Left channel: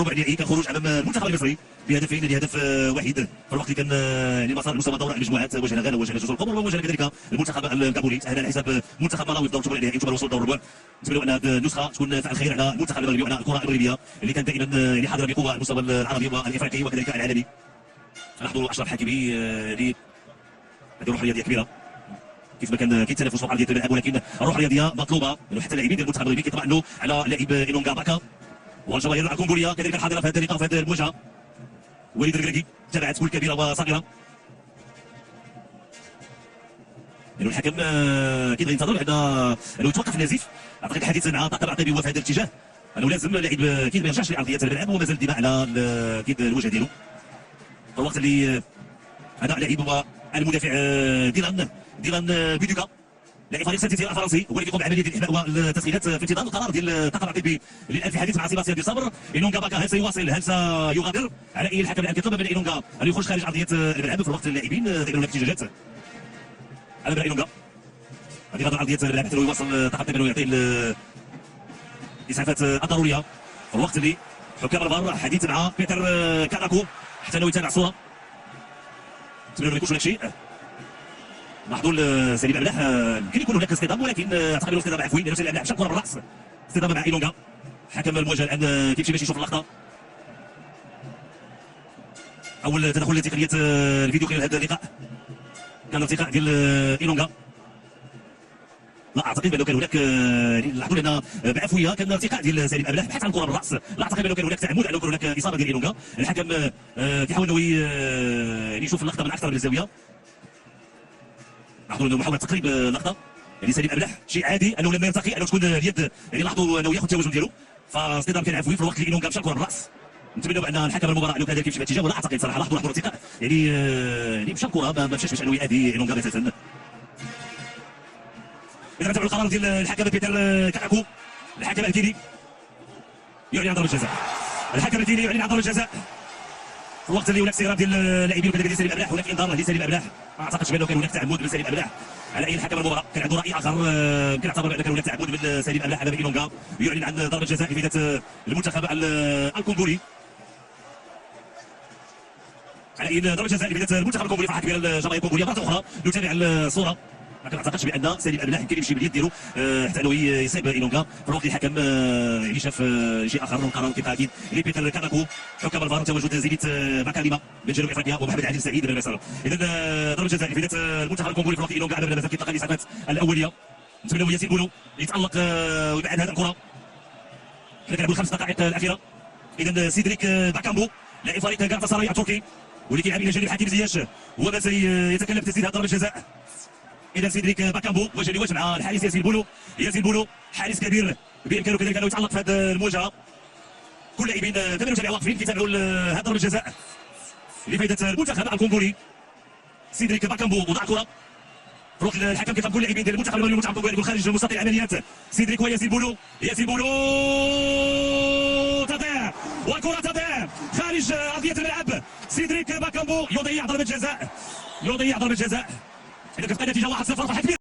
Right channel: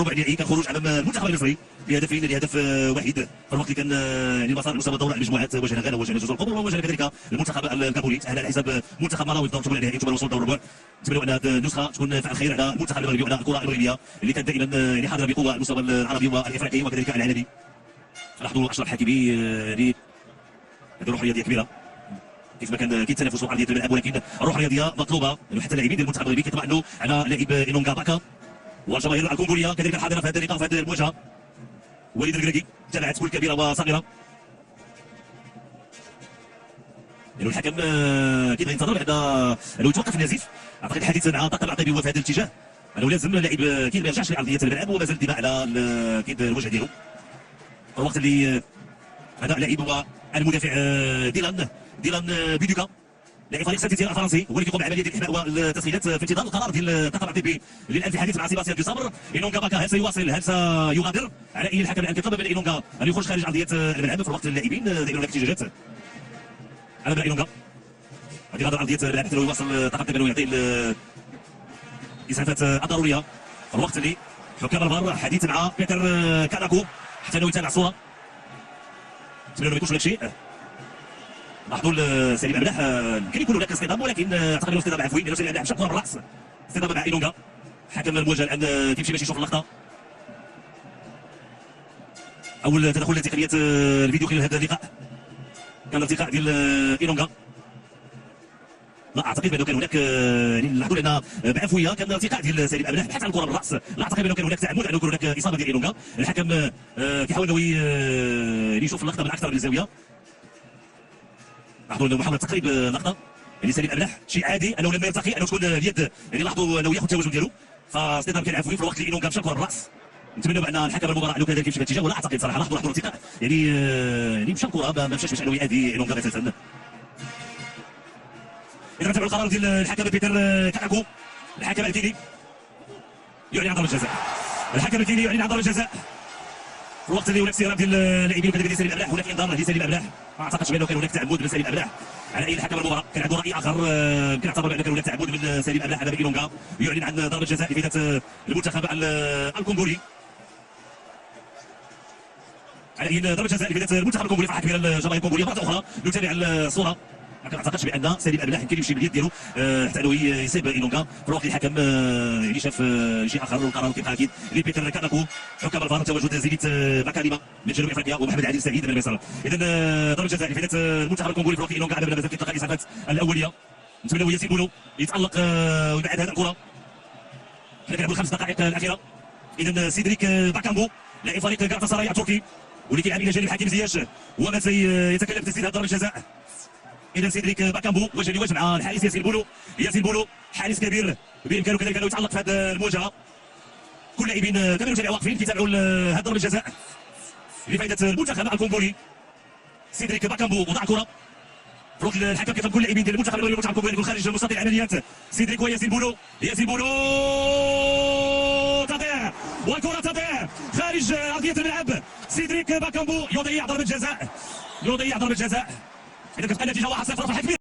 ربع نهائي كان خروج امام المنتخب المصري بهدفين لهدف واحد في الوقت اللي كان يعني مسار المسابقه دور المجموعات واجهنا غانا وواجهنا جزر القمر وواجهنا كذلك المنتخب الكابولي على حساب منتخب ملاوي في دور الثمانيه النهائي ثم الوصول دور الربع. نتمنى ان هذه النسخه تكون فعل خير على المنتخب المغربي وعلى الكره المغربيه اللي كانت دائما يعني حاضره بقوه على المستوى العربي والافريقي وكذلك العالمي. لاحظوا اشرف حكيمي هذه الروح الرياضيه كبيره كيف ما كان كيتنافسوا على ارضيه الملعب، ولكن الروح الرياضيه مطلوبه حتى اللاعبين ديال المنتخب المغربي كيطمئنوا على لاعب إينونغا باكا والجماهير الكونغوليه كذلك حاضره في هذه اللقاء في هذه المواجهه. وليد الكراكي تابعت كل كبيره وصغيره. يعني الحكم اكيد غينتظر بعد انه يتوقف النزيف. اعتقد الحديث مع طاقم العقيبي هو في هذا الاتجاه انه لازم اللاعب اكيد ما يرجعش لارضيه الملعب ومازال الدماء على اكيد الوجه ديالو. الوقت اللي هذا اللاعب هو المدافع ديلان بيدوكا لاعب فريق سانتيتيان الفرنسي هو اللي كيقوم بعمليه الاحماء والتسخينات في انتظار القرار ديال طاقم العقيبي للان في الحديث مع سيباستيان دي صبر. إينونغا باكا هل سيواصل هل سيغادر؟ على اي الحكم الان كيطلب من إينونغا ان يخرج خارج ارضيه الملعب في الوقت اللاعبين دايرون الاحتجاجات على بلا إينونغا غادي يغادر ارضيه الملعب حتى يواصل طاقم العقيبي ويعطي الاسعافات الضروريه في الوقت اللي حكام الفار حديث مع بيتر كاناكو حتى انه يتابع الصوره. نتمنى ما يكونش هناك شيء. لاحظوا سليم أملاح يمكن يكون هناك اصطدام ولكن اعتقد انه اصطدام عفوي لانه سليم أملاح مشى كره بالراس اصطدام مع إينونغا. حكم المواجهه الان كيمشي باش يشوف اللقطه. اول تدخل لتقنيه الفيديو خلال هذا اللقاء كان ارتقاء ديال إينونغا. لا اعتقد بانه كان هناك لاحظوا لان بعفويه كان ارتقاء ديال سليم أملاح بحث عن كره بالراس. لا اعتقد بانه كان هناك تعمد انه يكون هناك اصابه ديال إينونغا. الحكم كيحاول انه يشوف اللقطه من اكثر من زاويه. لاحظوا انه محاوله تقريب اللقطه يعني سليم أملاح شيء عادي انه لما يلتقي انه تكون اليد يعني لاحظوا انه ياخذ التوازن ديالو فاصطدام كان عفوي في الوقت اللي إينونغا مشى كره بالراس. نتمنى ان الحكم المباراه انه كذلك يمشي في الاتجاه ولا اعتقد صراحه لاحظوا ارتقاء يعني مشى الكره ما مشاش باش انه يأذي إينونغا اساسا. اذا نتابعوا القرار ديال الحكم بيتر كاناكو. الحكم الكيني يعلن عن ضربه جزاء. الحكم الكيني يعلن عن ضربه جزاء في الوقت اللي هناك استيراد ديال اللاعبين وكذلك سليم أملاح. هناك انذار لسليم أملاح ما اعتقدش بانه كان هناك تعمد من سليم أملاح على اي الحكم المباراه كان عنده راي اخر. يمكن يعتبر بان كان هناك تعمد من سليم أملاح على إينونغا. يعلن عن ضربه جزاء لفائده المنتخب الكونغولي على اي ضربه جزاء لفائده المنتخب الكونغولي. فرحه كبيره للجماهير الكونغوليه. مره اخرى نتابع الصوره. ما كنعتقدش بان سليم أملاح يمكن يمشي باليد ديالو حتى انه يصيب إينونغا. في الوقت الحكم يعني شاف شيء اخر. القرار كيبقى اكيد لبيتر كاناكو. حكام الفار تواجد زينيت باكاليما من جنوب افريقيا ومحمد عادل سعيد من مصر. اذا ضربه جزاء لفائده المنتخب الكونغولي في الوقت إينونغا على مازال كيتلقى الاسعافات الاوليه. نتمنوا ياسين بونو يتالق ويبعد هذه الكره. نلعبوا الخمس دقائق الاخيره. اذا سيدريك باكامبو لاعب فريق غاتا سراي التركي واللي كيلعب الى جانب حكيم زياش هو ما سيتكلم بتسديد ضربه الجزاء. اذا سيدريك باكامبو وجه لوجه مع الحارس ياسين بونو. ياسين بونو حارس كبير بامكانه كذلك انه يتالق في هذه المواجهه. كل لاعبين تابعوا واقفين كيتابعوا هذه ضربه الجزاء لفائده المنتخب الكونغولي. سيدريك باكامبو وضع كره في الوقت الحكم كيطلب كل لاعبين ديال المنتخب المغربي المنتخب الكونغولي يكون خارج مستطيل العمليات. سيدريك وياسين بونو. ياسين بونو تضيع والكره تضيع خارج ارضيه الملعب. سيدريك باكامبو يضيع ضربه جزاء. إذا كتبقى النتيجة 1-0 فرحة كبيرة